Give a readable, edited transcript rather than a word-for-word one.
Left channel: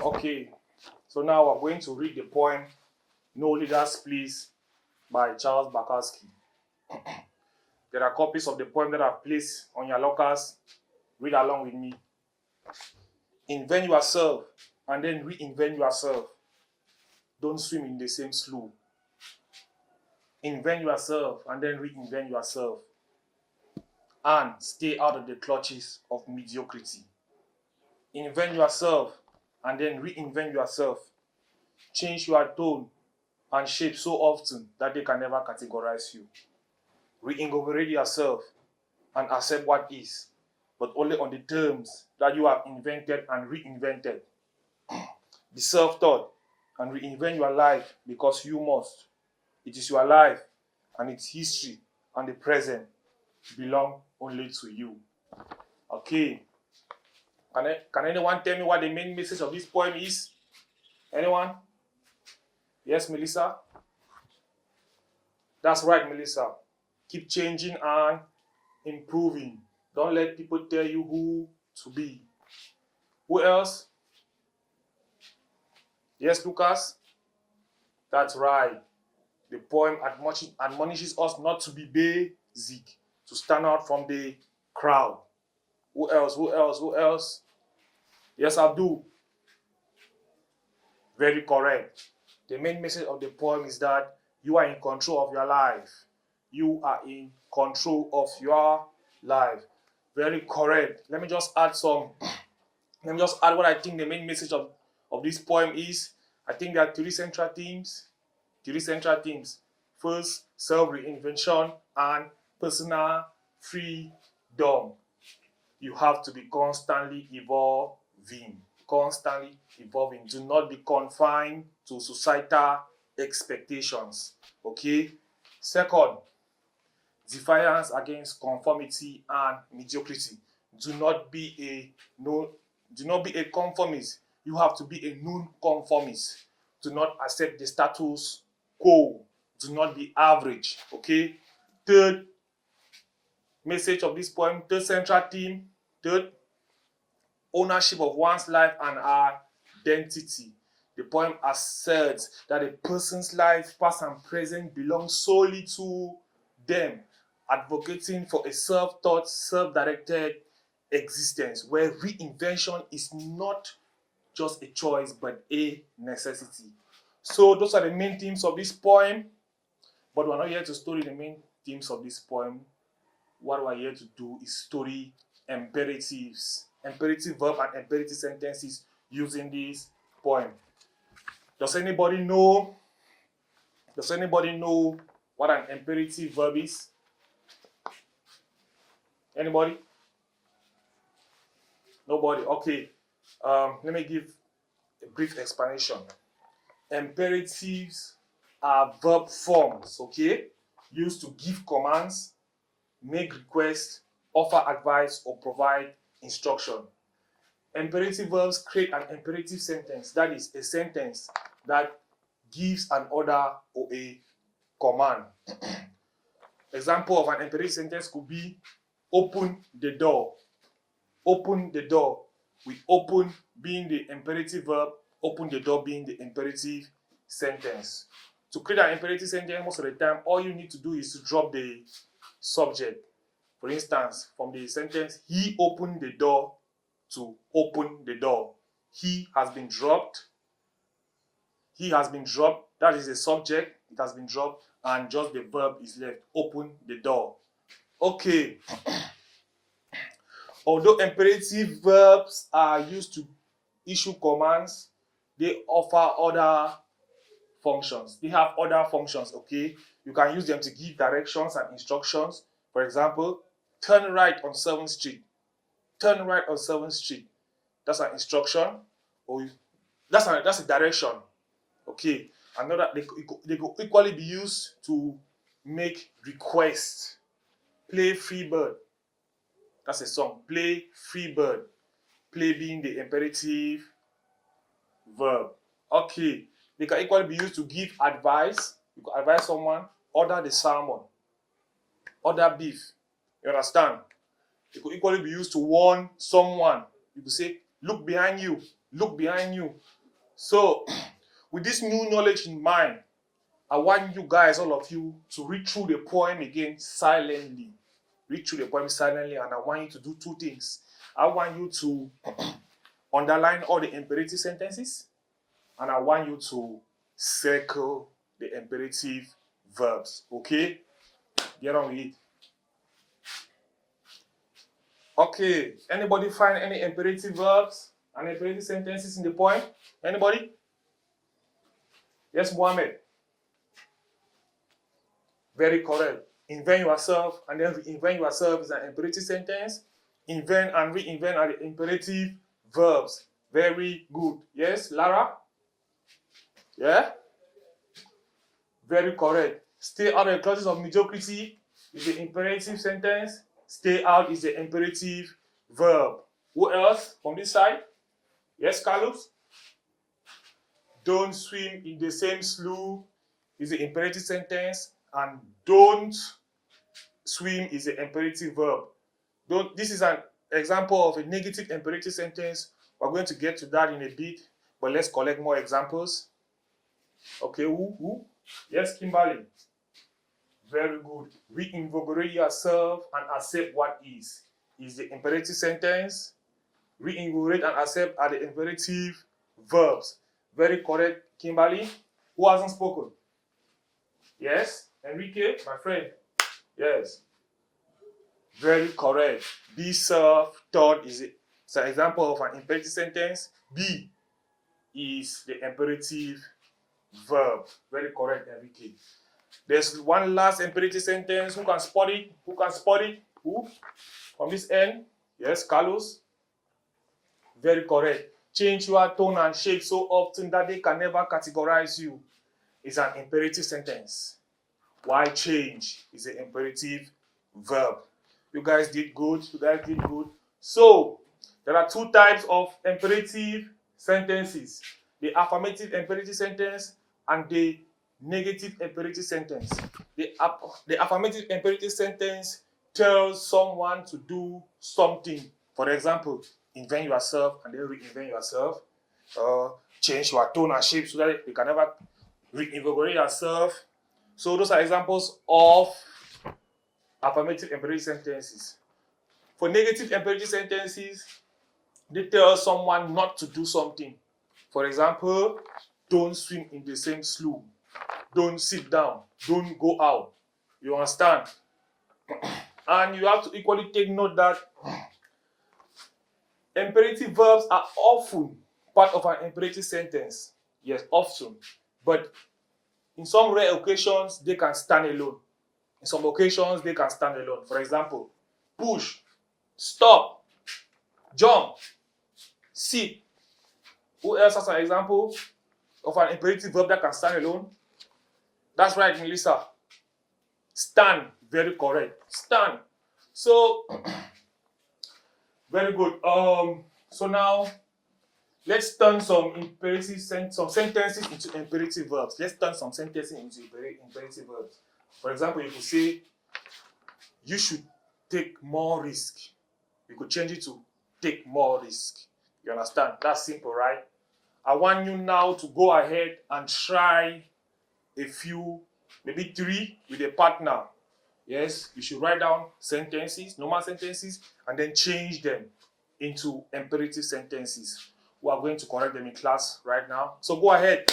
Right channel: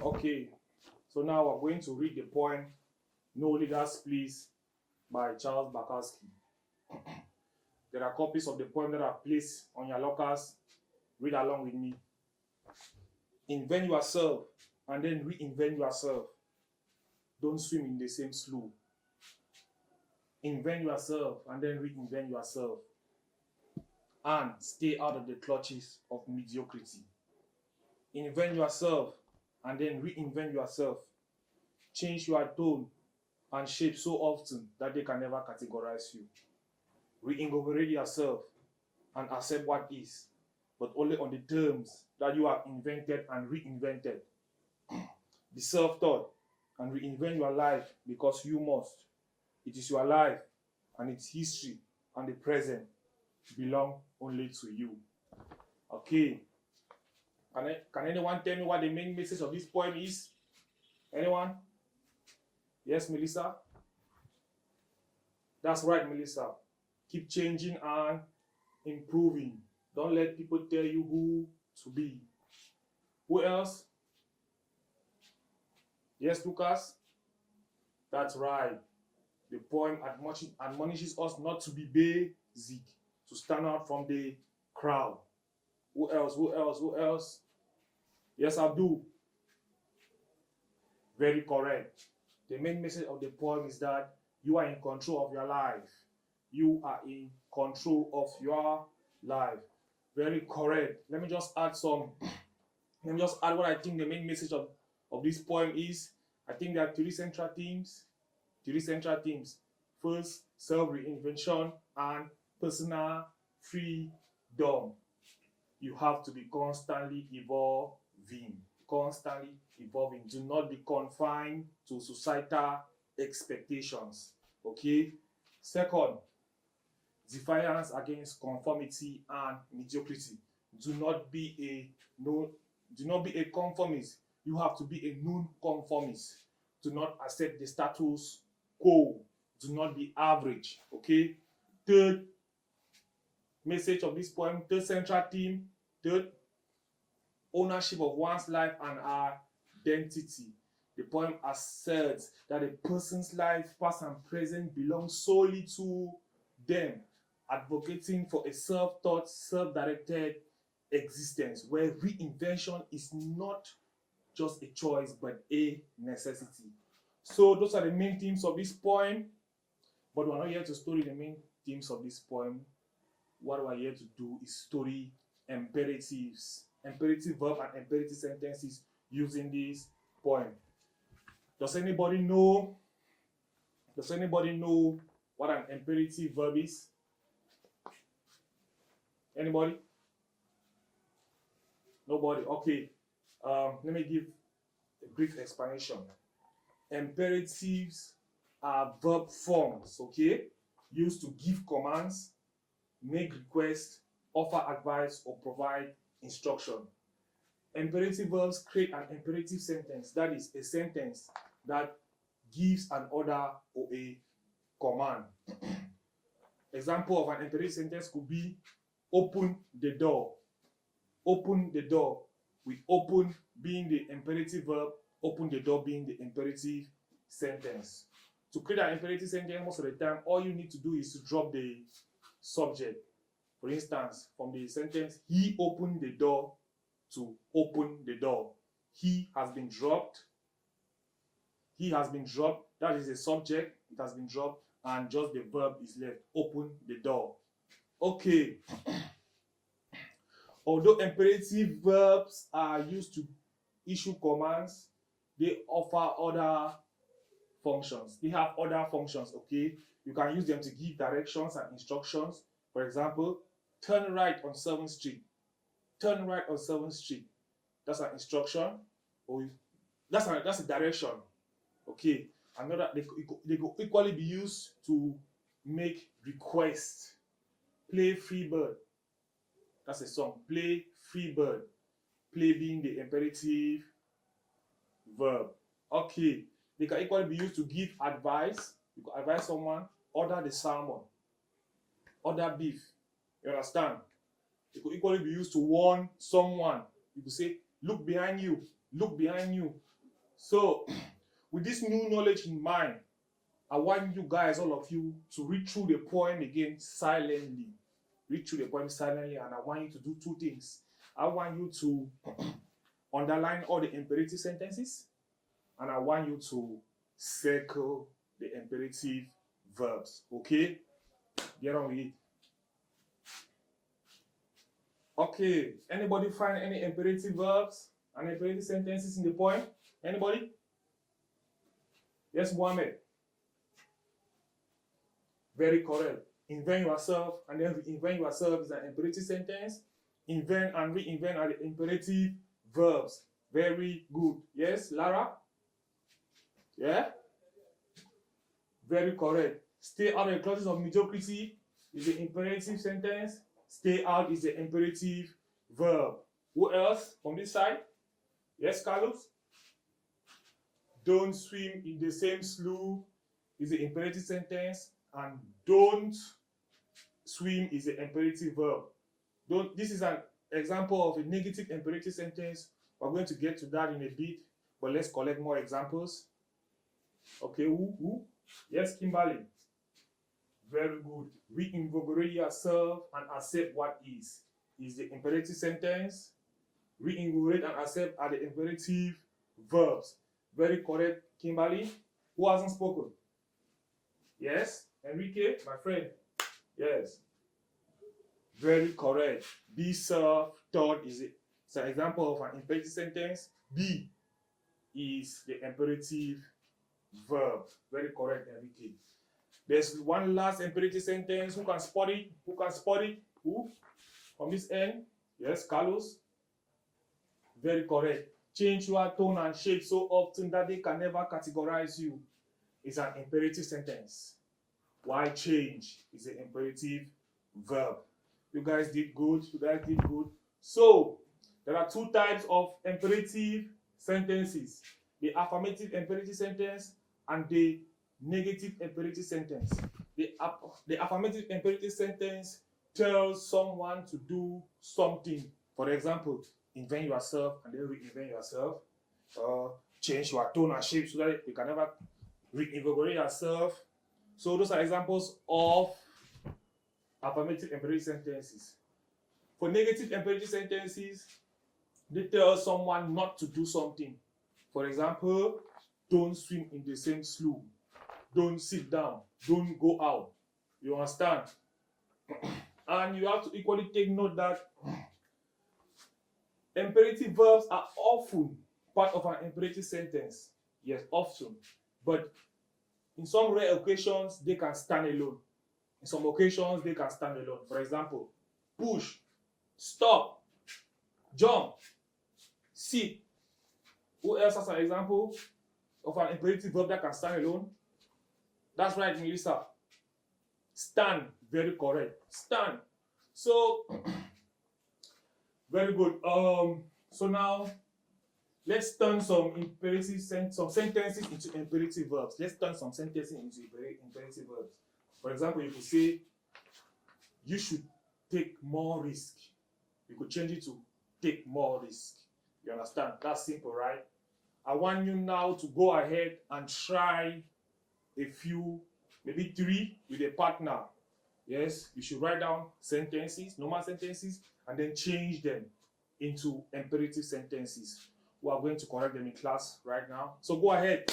Okay, so now we're going to read the poem No Leaders Please by Charles Bukowski. There are copies of the poem that I've placed on your lockers. Read along with me. Invent yourself and then reinvent yourself. Don't swim in the same slough. Invent yourself and then reinvent yourself. And stay out of the clutches of mediocrity. Invent yourself and then reinvent yourself. Change your tone and shape so often that they can never categorize you. Reinvigorate yourself and accept what is, but only on the terms that you have invented and reinvented. Be self-taught and reinvent your life because you must. It is your life and its history and the present belong only to you. Okay. Can anyone tell me what the main message of this poem is? Anyone? Yes, Melissa? That's right, Melissa. Keep changing and improving. Don't let people tell you who to be. Who else? Yes, Lucas? That's right. The poem admonishes us not to be basic, to stand out from the crowd. Who else? Who else? Who else? Yes, Abdul. Very correct. The main message of the poem is that you are in control of your life. You are in control of your life. Very correct. Let me just add what I think the main message of this poem is. I think there are three central themes. First, self-reinvention and personal freedom. You have to be constantly evolving. Do not be confined to societal expectations. Okay? Second, defiance against conformity and mediocrity. Do not be a conformist. You have to be a non-conformist. Do not accept the status quo. Do not be average. Okay? Third message of this poem, third central theme, ownership of one's life and identity. The poem asserts that a person's life, past and present, belongs solely to them, advocating for a self-taught, self-directed existence where reinvention is not just a choice but a necessity. So those are the main themes of this poem, but we're not here to study the main themes of this poem. What we're here to do is study imperatives, imperative verb and imperative sentences using this poem. Does anybody know what an imperative verb is? Anybody? Nobody? Okay. Let me give a brief explanation. Imperatives are verb forms, okay, used to give commands, make requests, offer advice, or provide instruction. Imperative verbs create an imperative sentence, that is, a sentence that gives an order or a command. Example of an imperative sentence could be open the door. Open the door, with open being the imperative verb, open the door being the imperative sentence. To create an imperative sentence, most of the time, all you need to do is to drop the subject. For instance, from the sentence, he opened the door, to open the door. He has been dropped. That is the subject. It has been dropped. And just the verb is left. Open the door. Okay. Although imperative verbs are used to issue commands, they offer other functions. They have other functions, okay? You can use them to give directions and instructions. For example, turn right on 7th Street. Turn right on 7th Street. That's an instruction, or that's a direction. Okay. Another, they could equally be used to make requests. Play free bird. That's a song. Play free bird. Play being the imperative verb. Okay. They can equally be used to give advice. You can advise someone, order the salmon, order beef. You understand? It could equally be used to warn someone. You could say, look behind you. Look behind you. So, with this new knowledge in mind, I want you guys, all of you, to read through the poem again silently. Read through the poem silently, and I want you to do two things. I want you to underline all the imperative sentences, and I want you to circle the imperative verbs. Okay? Get on with it. Okay, anybody find any imperative verbs and imperative sentences in the poem? Anybody? Yes, Mohammed. Very correct. Invent yourself and then reinvent yourself is an imperative sentence. Invent and reinvent are the imperative verbs. Very good. Yes, Lara? Yeah? Very correct. Stay out of the clutches of mediocrity is the imperative sentence. Stay out is the imperative verb. Who else from this side? Yes, Carlos? Don't swim in the same slough is the imperative sentence, and don't swim is the imperative verb. This is an example of a negative imperative sentence. We're going to get to that in a bit, but let's collect more examples. Okay, who? Yes, Kimberly. Very good. Reinvigorate yourself and accept what is the imperative sentence. Reinvigorate and accept are the imperative verbs. Very correct, Kimberly. Who hasn't spoken? Yes, Enrique, my friend. Yes. Very correct. Be self-taught is an example of an imperative sentence. Be is the imperative verb. Very correct, Enrique. There's one last imperative sentence. Who can spot it? Who can spot it? Who? From this end? Yes, Carlos. Very correct. Change your tone and shape so often that they can never categorize you. It's an imperative sentence. Why change is an imperative verb. You guys did good. You guys did good. So, there are two types of imperative sentences. The affirmative imperative sentence and the negative imperative sentence. The affirmative imperative sentence tells someone to do something. For example, invent yourself and then reinvent yourself. Change your tone and shape so that you can never reinvigorate yourself. So those are examples of affirmative imperative sentences. For negative imperative sentences, they tell someone not to do something. For example, don't swim in the same slough. Don't sit down. Don't go out. You understand? And you have to equally take note that imperative verbs are often part of an imperative sentence. Yes, often. But in some rare occasions, they can stand alone. In some occasions, they can stand alone. For example, push, stop, jump, sit. Who else has an example of an imperative verb that can stand alone? That's right, Melissa. Stand. Very correct. Stand. So, very good. So now, let's turn some sentences into imperative verbs. Let's turn some sentences into imperative verbs. For example, you could say, you should take more risk. You could change it to take more risk. You understand? That's simple, right? I want you now to go ahead and try a few, maybe 3 with a partner. Yes, you should write down sentences, normal sentences, and then change them into imperative sentences. We are going to correct them in class right now. So go ahead.